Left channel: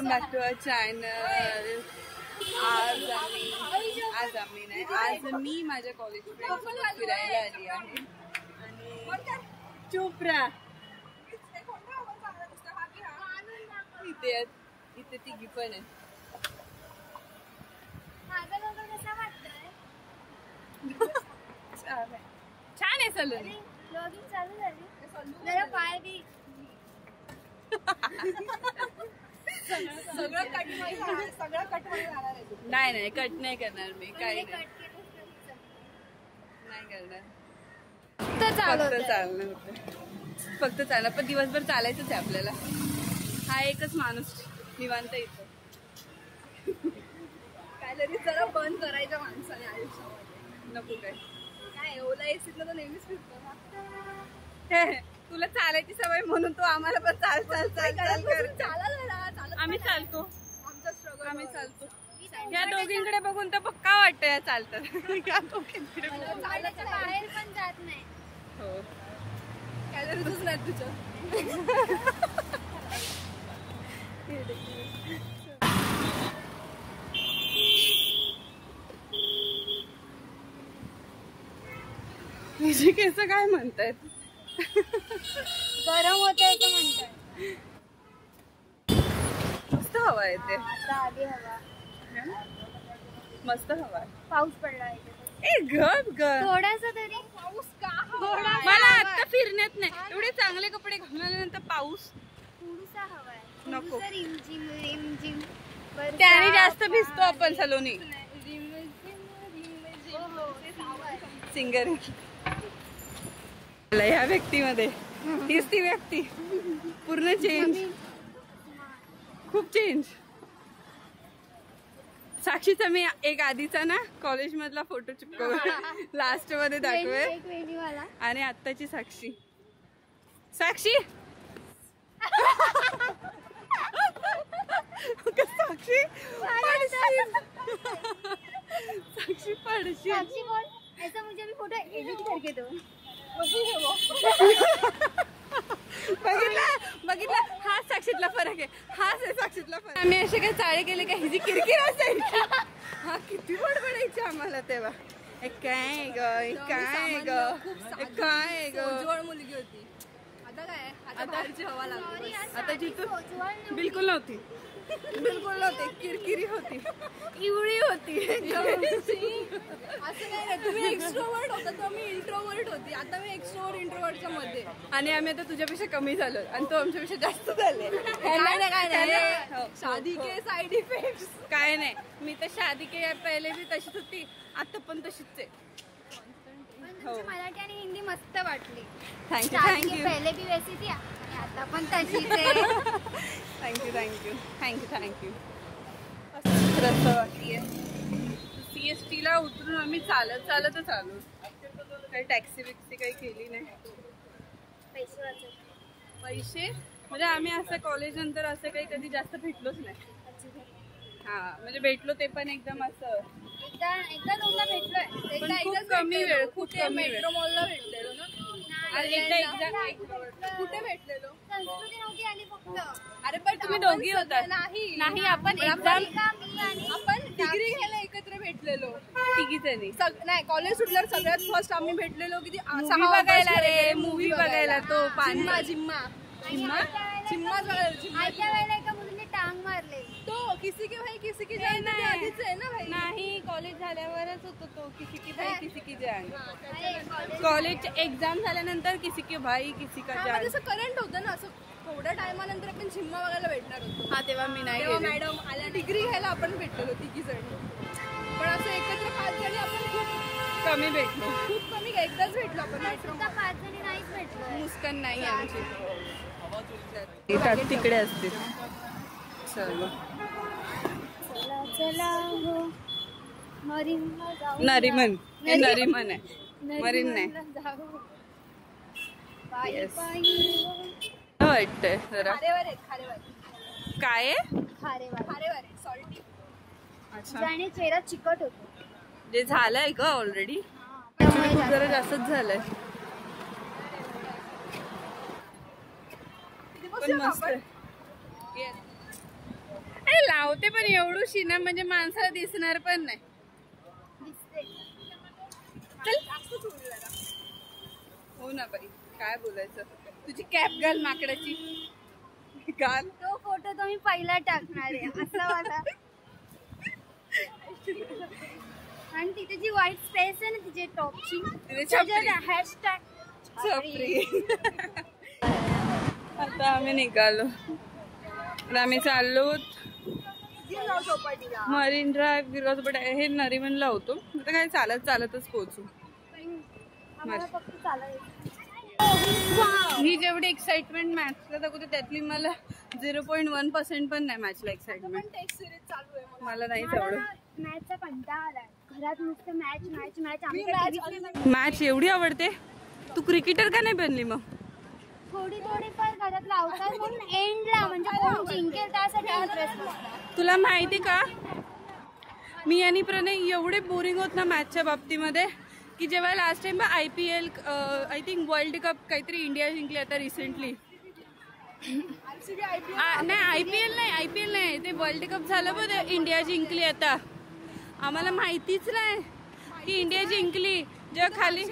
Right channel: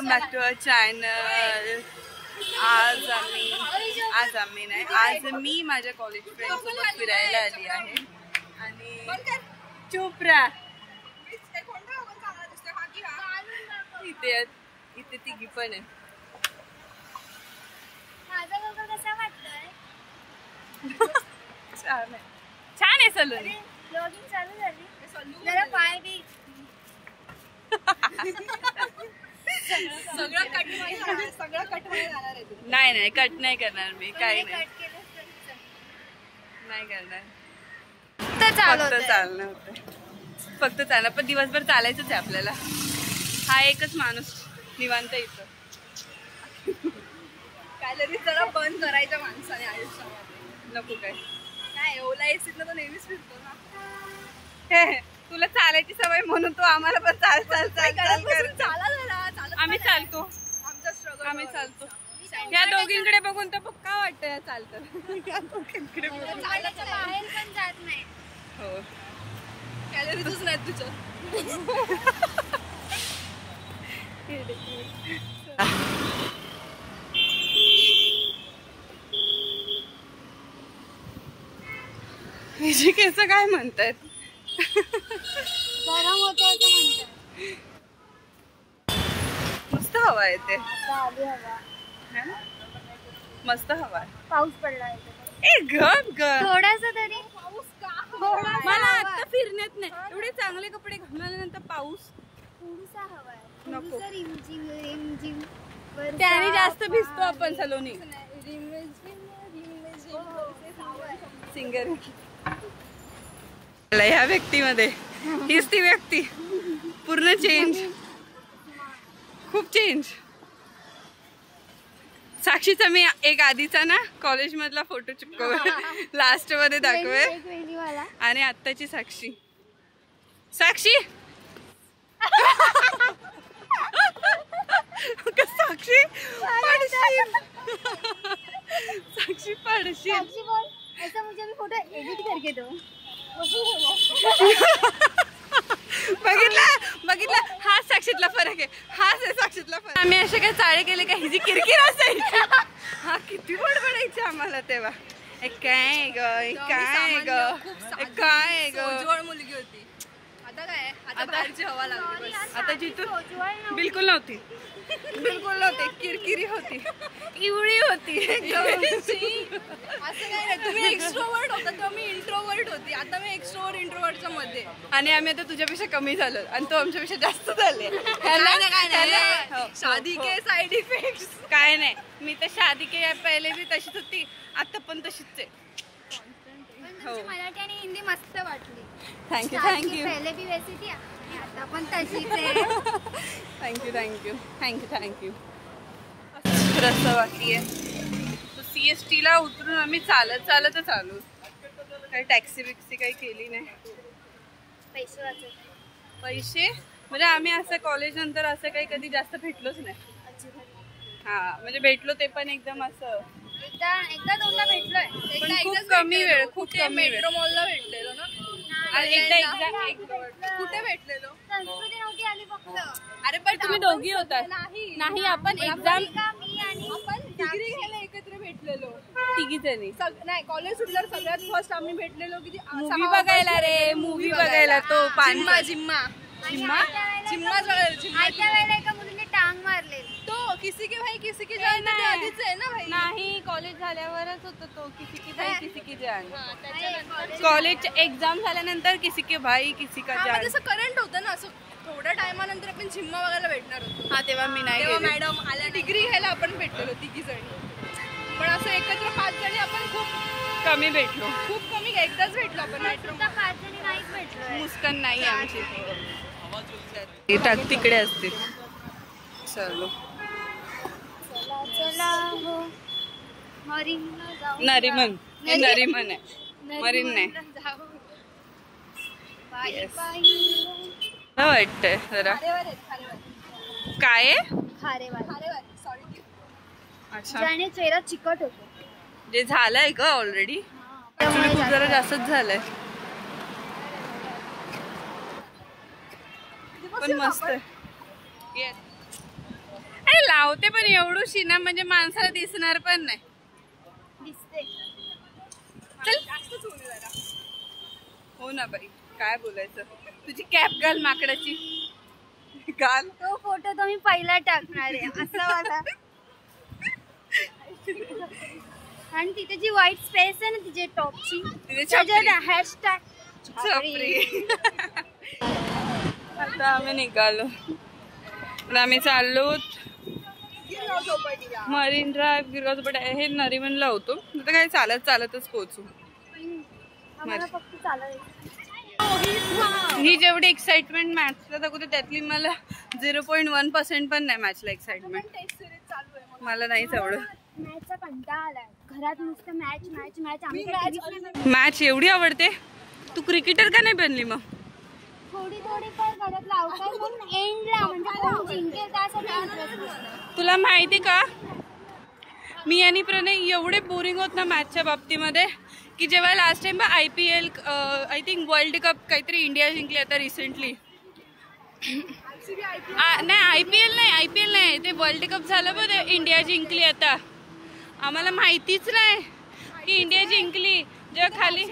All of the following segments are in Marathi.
Welcome back to our channel. आज मी माझ्या कॉलेज फ्रेंड सोबत फिरायला आली आहे आणि चोपरा इथे तिघी पण आहे. छान आहे सलून. नाही कट नाही करणार मी, काही नाही करणार. फक्त चालणं होतं, फक्त चालणं. पण दिवसभर चालायचंच आहे आपल्याला. हा एकच माणूस निवांत येतो. कॅलरी जरा बंद करायच्या माणसाने आयुष्यामध्ये. नको काय ओला एसीत तो नेहमीच फिरतो ना. तुला चालायची सवय म्हणून तो आम्हाला पण चाल आम्ही चालतो. आमचा स्ट्रगल आम्ही चालतो. या दोघींकडे बघून तर पक्का वाटतं या चालतात. या दोघींकडे बाहेर पण जात नाही. हो, कॅलरीजच नाही तुझं. हिचे केस काय म्हणतात? गरम होत आहे म्हणतात. मस्त हवा येते. मस्त हवा. पाऊस पडला थोडासा तरी. पाऊस मला आता फिरण्यात नाही. एवढे चांगले कपडे घालून आल्यानंतर पाऊस थोडासा हवा आहे. नको. रिमझिम त्याने जास्त भिजतो आपण सलोनी. सिंगर ह्या व्यक्तीमध्ये हीच ती व्यक्ती. पूर्ण चेंज, खूप चेंज. साक्षीचा मी एक आधीचा ना कॉलेज मधला फोटो चिपकव लास्ट मध्ये दाखवे. आणि आत्ताची साक्षी. साक्षी साक्षी पडशील. साक्षी पडशील. ऐसा मुझे अभी फोटो एडिट करके दो. बघितला हाच साक्षीतला फरक आहे. हाच आहे साक्षीतला फरक. आम्ही असे काय चाळे केले का हिची किरकिर असायची. हा किती बडबडायची आम्हाला तेव्हा. काय ग मुलगी होती. आता काय आता बाहेरची हवा लागली. आता जिथून बिलकुल नव्हती. किरकिरी होती, इवळी होती. असं काय नाही. तुम्ही एक्स्ट्रोवर्ट होता तर मी इंट्रोवर्ट होती. आता मी एक्स्ट्रोवर्ट इंट्रोवर्टच्या मध्ये. आणि आम्ही आता तुझ्यापेक्षा कमी झालो आणि तो आमच्यापेक्षा जास्त झाले. शादी के साइड इफेक्ट काय नाही. मी तर शादी के पहिले भी तशीच होती, आता पण तशीच आहे. मराठी आणि हिंदी मस्त वाटली. थँक्यू. पहिले भी वैसी थी आणि आता पण तशीच आहे. थँक्यू. रस्ता बाकी आहे. तो CST ला उतरून आम्ही चालतच आलो. काही टॅक्सी बिक्सी काही केली नाही. पैसे म्हणजे आम्ही असं कॉलेज नंतर असं काही कधी जास्त भेटलोच नाही. हा म्हणजे भेटलो ते पण एकदम असं एकदा दोनदा भेटलोय. पण खूप कमी वेळ. मेट्रो मॉलला भेटलेलो ना. कुठे भेटलेलो? संस्कृती नव्हती आली फक्त. अरे पण तुम्ही दोघी होता. नाही आपण एक्झाम आपण डिग्री घ्यायला एकत्र भेटलेलो तिघी जणी. नाही कॉलेज सुटल्यावर सगळ्यात फर्स्ट आम्ही भेटलेलो किती मूवी बघायला. रे मूवी बघायला तो जिम्मा वेळेला एका मुलीने टांग मारले. तो किसी की भाई किसी की जान आधीच आहे ना भाई. नाही कॉलेज झाल्यावरच होतो तो. किसी की भाई किसी की जान. कॉलेज एक्झाम झाल्यानंतर किसी के भाई किसी का जान. असं करंट होतं ना. असं थोड्या टायमानंतर आपण जिम्मा बघायला भेटणार होतो. हा तेव्हा मी नाही. मॅडम आल्या डिग्री घ्यायला आपण भेटलेलो तिघी जणी. पण असं एकत्र 5 जणी आपण खूप कमी भेटलो. खूप कमी. एकदाच भेटलो आपण. 5 जणी नाहीच भेटलो. मुस्कान नाही आमची. तिकडे असतील. चलो चला हो. नरिमन आहे. मरीन नाही. वाटतंय जरा काय अच्छा. चेहरा चिकट होतो. जे झालंय का ऑलरेडी. ऍक्च्युली खूप जरा जास्तच झालंय. पण मस्त आहे. लावते पण एवढूशी ना म्हणजे माणसाला दिसणार पण नाही. हो ना बाई, काय बोलायचं. तुझी कॅप घाल माकडाची, घाल. तो फोटो तो मी पहिला टाकणार आहे असं वाला. आणि तिथे जी व्हाईट स्पेस आहे ना तिचे टॉपची, हॅशटॅग छपरी. आता आम्ही निघालो. आम्ही चाललो मरीन ड्राईव्ह, गिरगाव चौपाटी. हे नरिमनला होतो. आता काय चालत चालतच पोहोचू. ही जेवढी एक्साइटमेंट मॅचला दाखवते त्यातली मला 0.1% पण नाही मॅचला एक्साइटमेंट. मला नाहीच एवढं. मॅचचा कंटाळा आलाय. घरात नुसतं मॅच मॅच मॅच. मॅच एवढी आवडते. तू क्रिकेटर का नाही बनली मग? थोडी थोडी पण घरात लावतात म्हणून एंडला म्हणजे कोण जिंकेल त्यासाठी इंटरेस्ट नसतो. तुला माहिती का, मी आणि प्रणय एवढे बोरिंग होत ना मॅचच्या बाबतीमध्ये की जेव्हा last time IPL I think world cup काहीतरी इंडिया जिंकली आता रिसेंटली. नाही IPL नाही ते वर्ल्ड कप झालं बघ, इंडिया जिंकली. आता आम्हाला माहितीच नाही की इंडिया जिंकली. जेव्हा खाली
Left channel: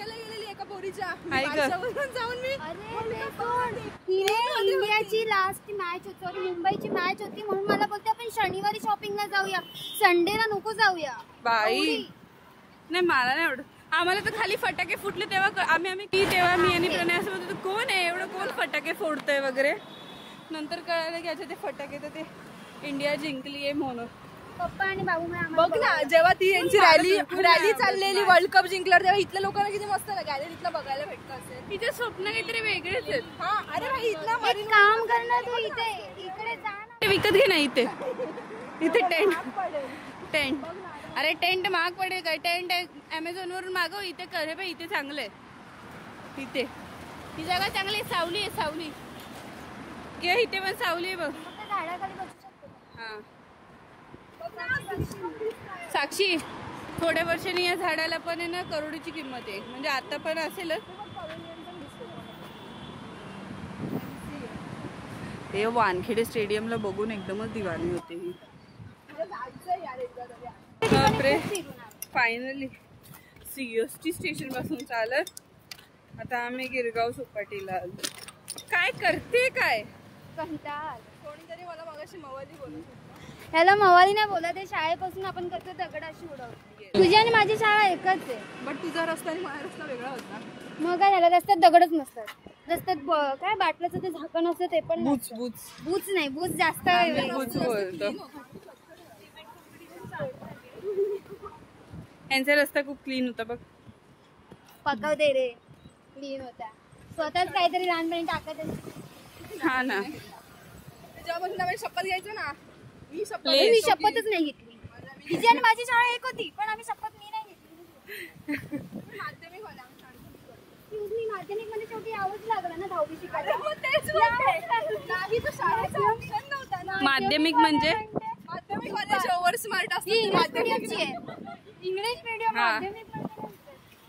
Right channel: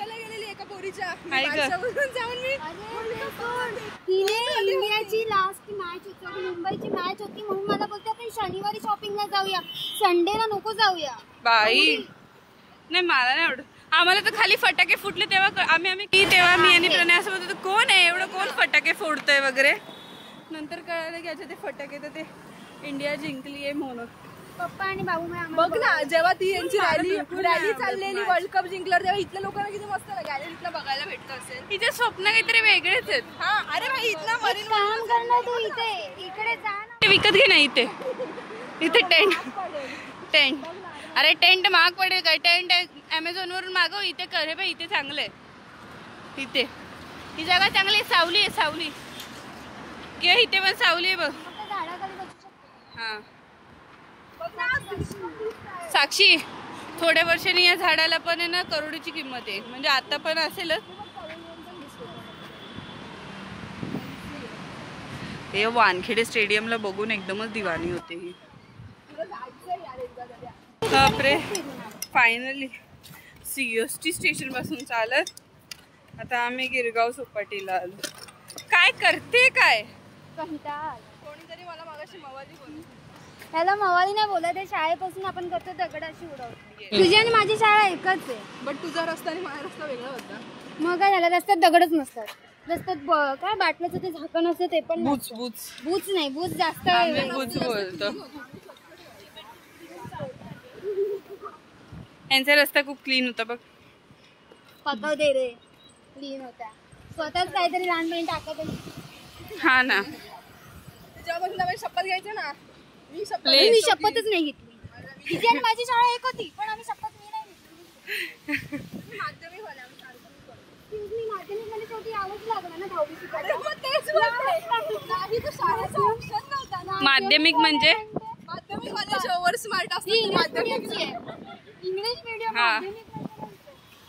इंडियाची लास्ट मॅच होती, मुंबईची मॅच होती म्हणून मला बोलते आपण शनिवारी शॉपिंगला जाऊया, संडेला नको जाऊया. बाई नाही, मला नाही आवडत. आम्हाला तर खाली फटाके फुटले तेव्हा तेव्हा मी आणि प्रणय असं बोलतो कोण आहे एवढं, कोण फटाके फोडतोय वगैरे. नंतर कळालं की अच्छा ते फटाके तर ते इंडिया जिंकली आहे म्हणून. पप्पा आणि बाबू बघ ना, जेव्हा ती यांची रॅली चाललेली वर्ल्ड कप जिंकल्यावर तेव्हा इथल्या लोकांना किती मस्त गॅलरीतला बघायला भेटत असेल. तिचे स्वप्न काहीतरी वेगळेच आहेत. हा अरे भाई इथं काम करणार तू इकडे जा ना. विकत घे ना इथे टेंट. अरे टेंट महाग पडेल काय? टेंट Amazon वरून मागव. इथे कर. हे बाई इथे चांगलं आहे. इथे ही जागा चांगली आहे. सावली आहे, सावली. किंवा इथे पण सावली आहे बघ. हा साक्षी, थोड्या वर्षांनी या झाडाला पण आहे ना करोडीची किंमत आहे. म्हणजे आता पण असेलच. ते वानखेडे स्टेडियमला बघून एकदमच दिवाणी होते ही. बापरे, फायनली CST स्टेशन पासून चालत आता आम्ही गिरगाव चौपाटीला आलो. काय करते काय? कोणीतरी मला मगाशी मवाली बोलत. त्याला मवाली नाही बोलत आहे. शाळेपासून आपण करतो दगडाशी उडवतो. तुझी आणि माझी शाळा एकच आहे. बट तुझा रस्ता आणि माझा रस्ता वेगळा होता. मग काय झालं, रस्त्यात दगडच नसतात. रस्त्यात काय बाटल्याचं ते झाकण असतं ते पण बूच नाही. बूच जास्त बूच बोलतो. यांचा रस्ता खूप क्लीन होता बघ. पकवते रे, क्लीन होता. स्वतःच काहीतरी लहानपणी टाकत. हा ना, शपथ घ्यायचं ना. मी शपथच नाही घेतली. तिची आणि माझी शाळा एक होती पण आम्ही शपथ मी नाही घेतली. माध्यमिक मध्ये शेवटी यावंच लागलं ना 10वी शिकायला. माध्यमिक म्हणजे इंग्लिश मीडियम.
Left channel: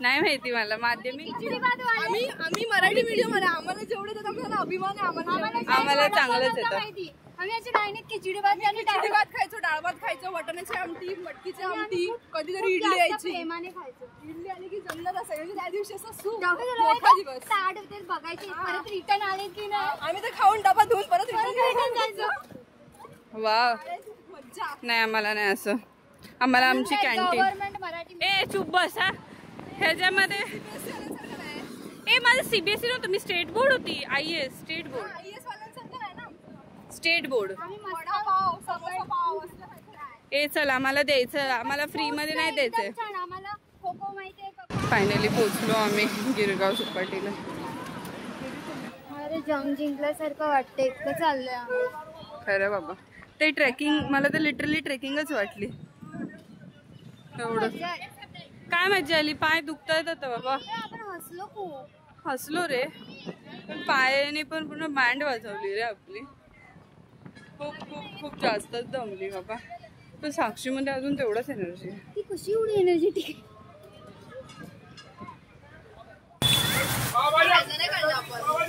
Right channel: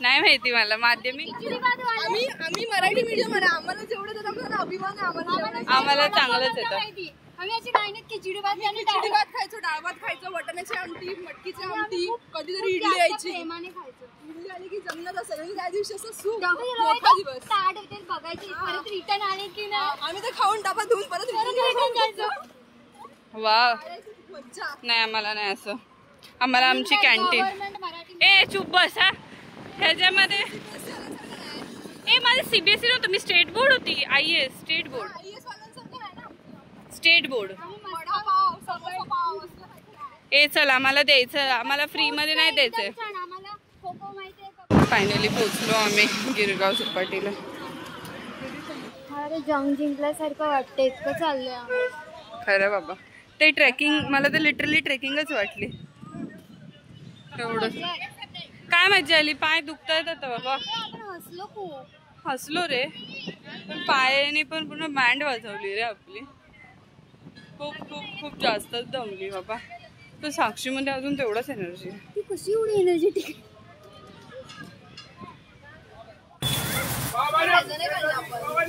नाही माहिती मला माध्यमिक. आम्ही मराठी मीडियम. आम्हाला जेवढं अभिमान आहे. आम्हाला चांगलंच येतं. आम्ही अशी काय नाही खिचडी भात खायचो, डाळ भात खायचो, वाटाण्याची आमटी, मटकीची आमटी, कधीतरी इडली यायची. इडली आली की जमणार असायचं. त्या दिवशी असं सूप बघायची. परत रिटर्न आले की नाही आम्ही तर खाऊन डबा धुवून परत रिटर्न जायचो. वा, नाही आम्हाला नाही असं. आम्हाला आमची कॅन्टीन. ए चुप बस. हा ह्याच्यामध्ये माझं CBSE नव्हतं, मी स्टेट बोर्ड होती. IAS state board. चल आम्हाला द्यायचं, आम्हाला फ्री मध्ये नाही द्यायचंय. फायनली पोहोचलो आम्ही गिरगाव चौपाटीला. अरे जंग जिंकल्यासारखं वाटतं. इतकं चाललंय खरं बाबा. ते ट्रेकिंग मला तर लिटरली ट्रेकिंगच वाटली. एवढं काय मजा आली. पाय दुखतायत आता बाबा. हसलो खूप. हसलो रे, पायाने पण पूर्ण बँड वाजवली रे आपली. खूप खूप खूप जास्तच दमली बाबा. तर साक्षी मध्ये अजून तेवढाच एनर्जी. ती कशी एवढी एनर्जेटिक.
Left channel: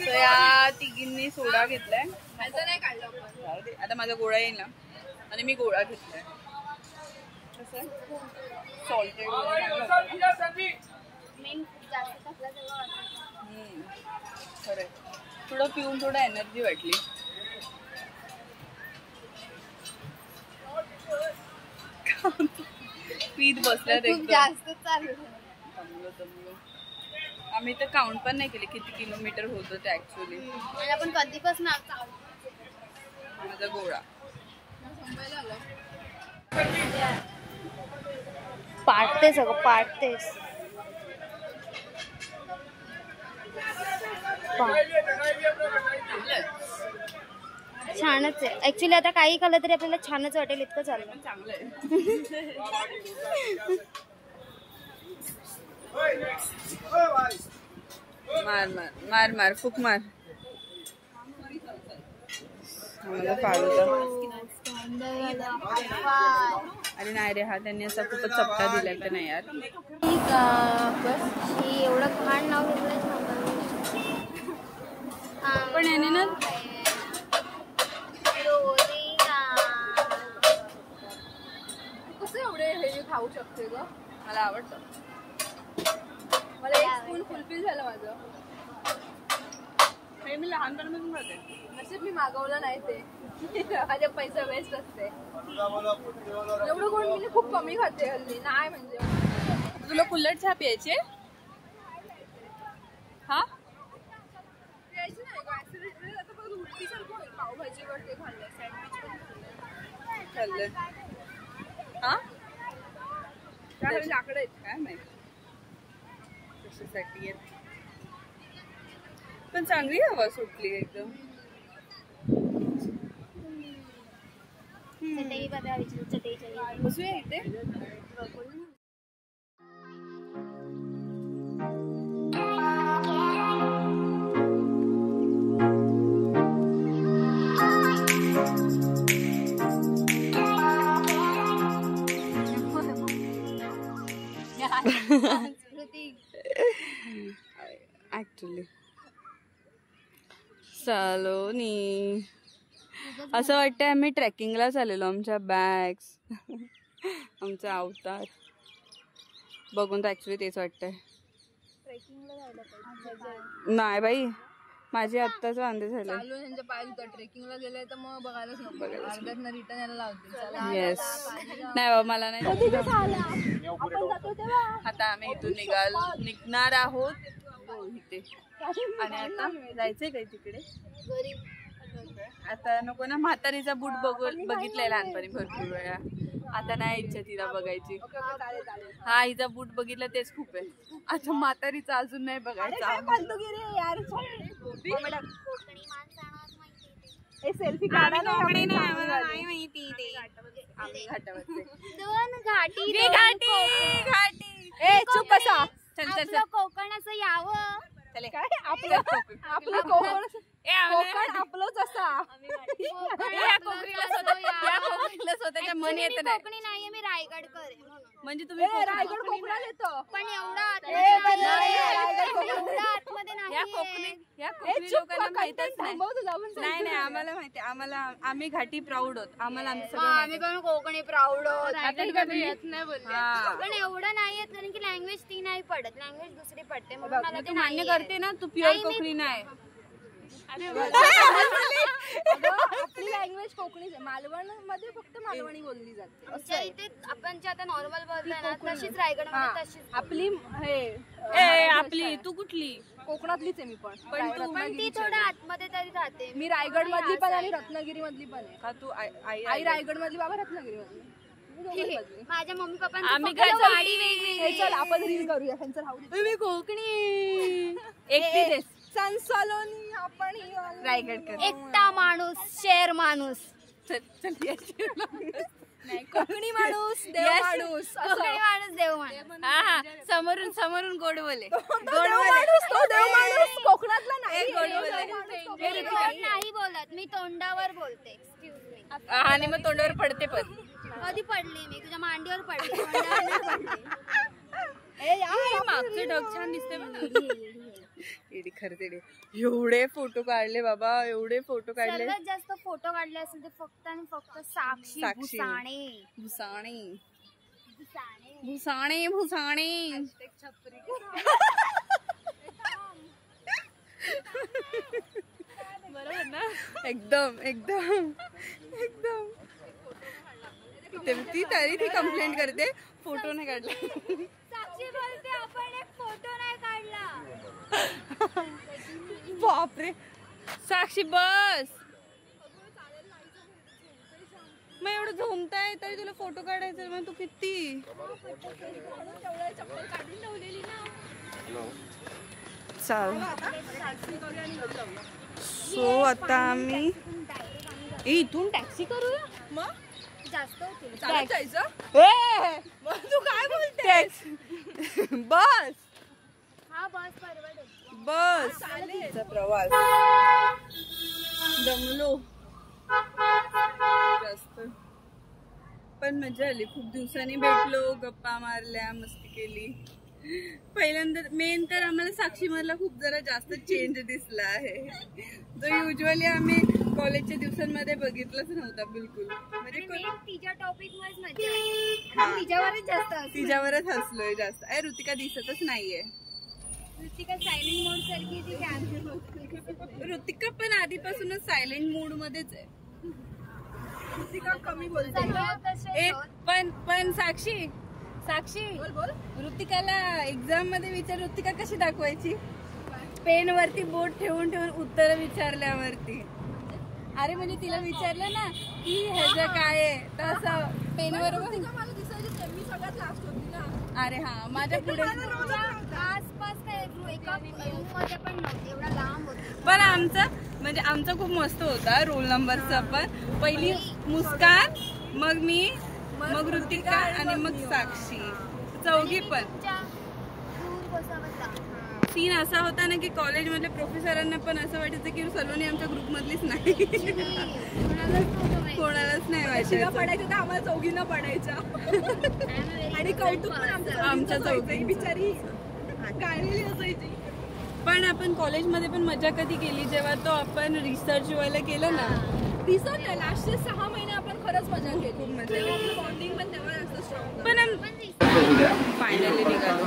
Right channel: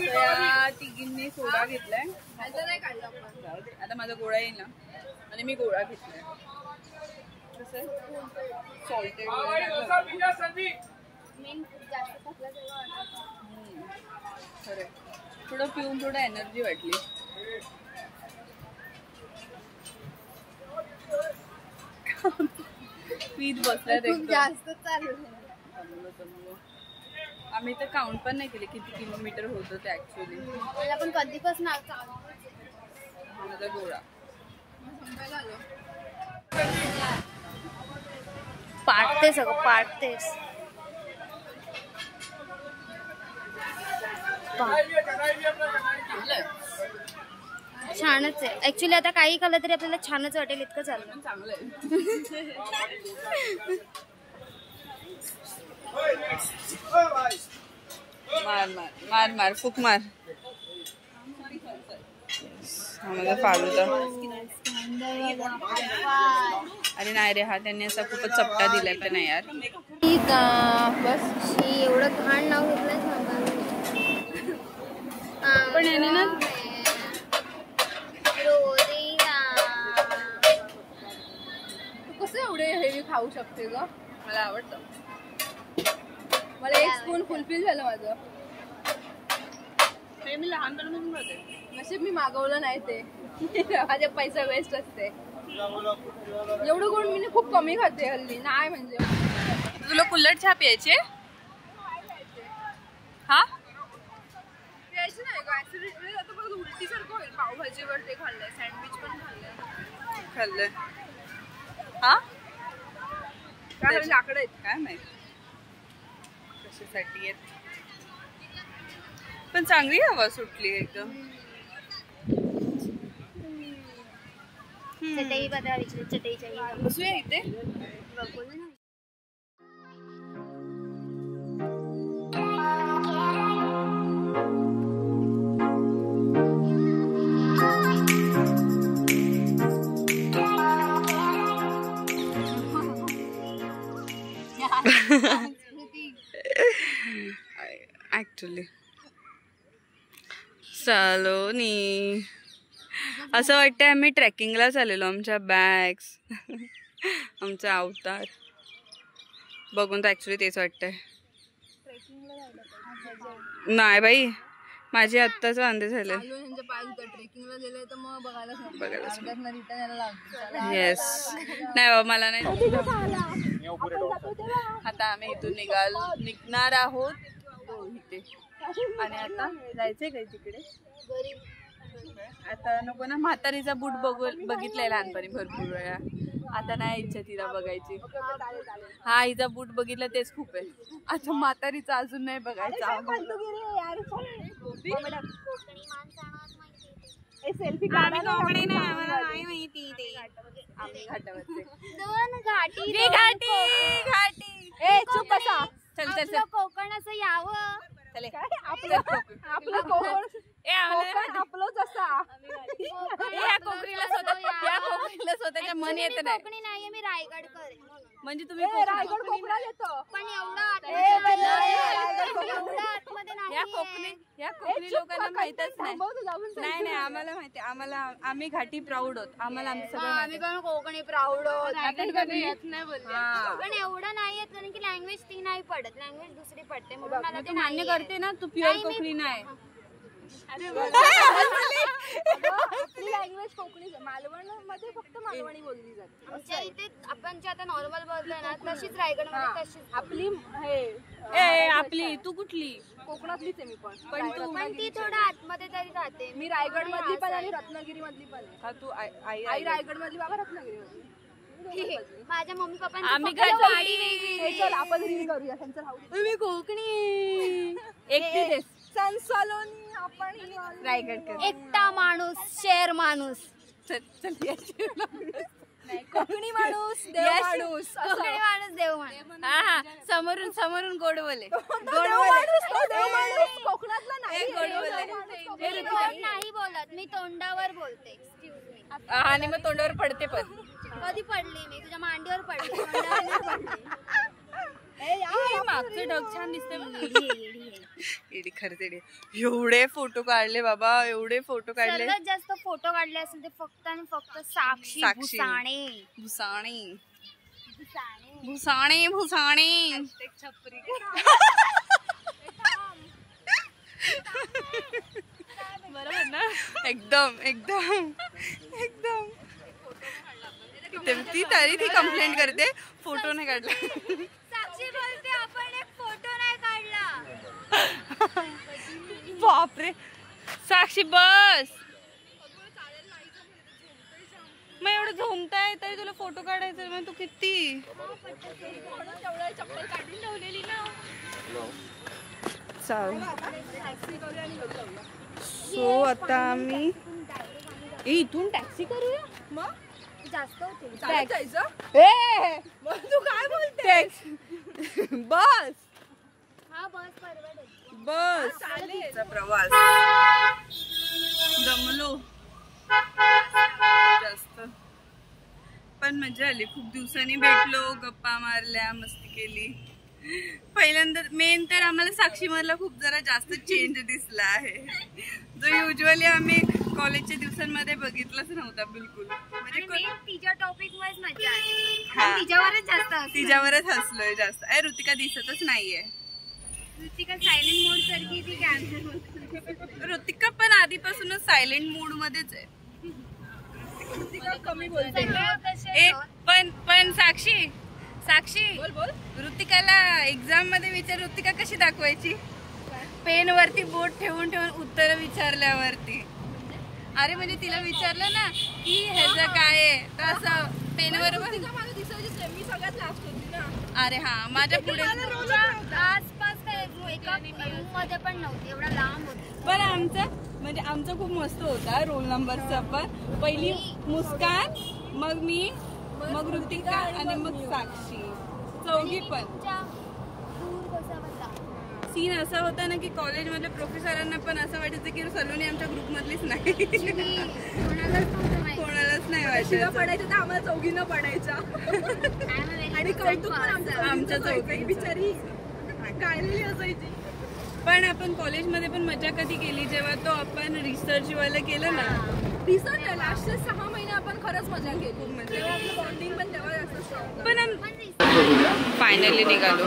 या तिघींनी सोडा घेतलाय. आता माझा गोळा येईल ना. आणि मी गोळा घेतलाय. सॉल्टेड खरंय. थोडं पिऊन थोडं एनर्जी वाटली. पीत बसल्यात एकदम जास्त चालू. आम्ही तर काउंट पण नाही केले किती किलोमीटर होतं ते ऍक्च्युली. आपण कधीपासून माझा गोळा पाडते सगळं पाडतेस. छानच आहे ऍक्च्युली. आता काही खाल्लं तरी आपल्याला छानच वाटेल इतकं चाललं. चांगलं आहे. मार मार मार मार फुक मार. माझा फालुदा. अरे नाही रे, हा त्यांनी असा खूपच चपटा दिलाय पण नाही यार. बस एवढं घाण नाव पण याने ना कसं एवढे हेवी खाऊ शकते ग. मला आवडतं. मला एक स्पून फुलफिल झालं माझं. हे मी लहानपणापासून खाते. नशीब मी मागवलं नाही ते. माझे पैसा वेस्ट असते. एवढं गोड मी खूप कमी खाते हल्ली. नाही म्हणजे तुला कुल्हड चहा प्यायचे? हा प्यायची नाही का? ऍसिडिटी आता बघ उलटी सारखं होईल. पावभाजीवर ते खाल्लंय, सँडविच पण खाल्लंय. हा काय लाकडं आहेत काय माहिती कशासाठी आहेत. पण चांगली हवा सुटली एकदम. चटई बघा विचार. चटईच्या बसूया इथे. ऍक्च्युली सलोनी असं वाटतंय आम्ही ट्रेकिंगला चाललेलो. आमच्या बॅग्स आमचा अवतार बघून तर ऍक्च्युली तेच वाटतंय. नाही बाई, माझे आत्ताच वांदे झाले. ट्रेकिंगला गेले तर मग बघायलाच येस. नाही बाबा मला नाही. आता आम्ही इथून निघणार आहोत इथे. आणि आता जायचंय काय तिकडे? आता नको ना. म्हातारीचा बूट बघितलाय लहानपणी भरपूर वेळा. आता नाही इच्छा तिला बघायची. हा हिचा बूट बघितला तेच खूप आहे. आता म्हातारीचा अजून नाही बघायचा. सेल्फी आम्ही कोकणी नाही, आम्हाला नाही माहिती ते. आम्ही घाटावरचे. दोन घाटी घाटी. ए चुप बसा. चल चल चल. कोकणाचं यावं. चले आपलं कोकण आपलंच असा. या कोकणीला स्वतःच्या मन येत नाही. कोकणी नाहीये मी रायगडकर. म्हणजे तुम्ही रायगड कोकणात येतो पण एवढं आतमध्ये नाही. या कोकणी लोकांना माहितच नाही. नाही नाही आम्हाला माहिती. आम्ही घाटी प्राऊड आहोत. आम्हाला आमचं सगळं आम्ही पण कोकणी प्राऊड आहोत. पण एवढं नाही येत कारण की लँग्वेज ती नाही पडत. लँग्वेज दुसरी पडते. म्हणून तू मान्य करते ना तू प्युअर कोकणी नाही. आपली लँग्वेज कोकणीच आहे. मालवण मध्ये फक्त मालवणी बोलली जाते. आमच्या इथे आपण जे आता नॉर्मल बोलतोय ना तशीच रायगड मध्ये तशीच आपली. आपली तू कुठली? कोकणातलीच आहे मी पण. पण तू ती थोडं आतमध्ये तरी राहते. मी रायगड मधली पण आणि रत्नागिरी मधली पण आहे. का तू आई रायगड मधली बाबा रत्नागिरी मधली. माझ्या मम्मी पप्पा आम्ही चल आपण रील करूया. तुम्ही कोकणी एकटी सलोनी आपण रायगडकर. एकटा माणूस शेर माणूस. कोकणी माणूस देव माणूस. कोकणी माणूस देव माणूस. हा समोरून गोड बोले. कोकणातला नाही गोड बोले. नाही बोलत मी तोंडावर बोलते. Excuse me. आणि मग तोंडावर पडते पण. कधी पडली मी तुझ्या मांडीवर पडली. मागचं ढग छान दिसते. एडी खरंच एडी. एवढे फोटो काढले बाबा, एवढे फोटो काढले. सगळ्यात जास्त फोटो काढले असेल ते फक्त आणि फक्त साक्षी भुसाणे. भुसाणे भुसाणे भुसाणे छपरी. बरोबर ना. एकदम एकदम एकदम. ती तरी ती कंप्लेंट करते फोटो नाही काढला. साक्षी बोलते आपण एक फोटो नाही काढला. बापरे साक्षी बस. मग एवढं झोमताय तरी तुला फोटो काढायचा मग तू किती. चाल. सो आता आम्ही इथून टॅक्सी करूया. मग जास्त होते तू काय बोलते. बस. हा बस परवडेल. बसचा प्रवास. दमलो जास्त पण मजा आली. खूप दिवसांनी भेटलो, गप्पा मारल्या, मस्ती केली. पहिल्यांदा मेन तर आम्हाला साक्षी मधला खूप जरा जास्त चेंज दिसला आहे, जो युजली आम्ही कॉलेजच्या दिवसांमध्ये बघितलंच नव्हता बिलकुल. म्हणजे तिच्या टॉपिक वाईज मजा आली. तिच्यावरच जास्त तिच्यावरच हसलोय जास्त. ऋतिका दिसतच नाहीये. ऋतिका सायलेंट मोड सारखी ती कॅमेरा. ऋतिका पण आधीपासूनच सायलेंट मोड मध्येच आहे. कमी बोलते. पण साक्षी ऋतिकाला एक्झाम मध्ये विचार, ऋतिका कशी दाखवायची. पेन वरती बोट ठेवून ठेवून उत्तर विचारल्यावरती. अरे म्हणजे तिला विचारलं ना की ह्याचं काय आहे तर असं पेनवर. अरे हा माझ्या पुढे आसपास एका रूम मध्ये पण नव्हती, एवढा लांब होती. पण आमचा खूप मस्त होता रोल नंबरचा. पण पहिली मुस्कान, मग मी, मग ऋतिका आणि मग साक्षी, चौघी पण. सीन असा होता ना की कॉलेज मधल्या प्रोफेसरांना पण असं वाटायचं की सलोनी आमच्या ग्रुप मधलीच नाही. कोणालाच नाही वाटायचं. पडायचं तर आम्हाला चौघींना पडायच्या. आणि कौतुक पण आमच्या चौघी बिचारी काढलेली असायची. पण आपण कॉलेजमध्ये पण मजा कधी केली जेव्हा तो आपण रिसर्च वाला केलं ना. रिसर्च लास्टचे 6 महिने आपण खरंच मजा केली. खूप मजा. आपलं बॉन्डिंग पण तेव्हा जास्त स्ट्रॉंग. पण फायनली निघालो.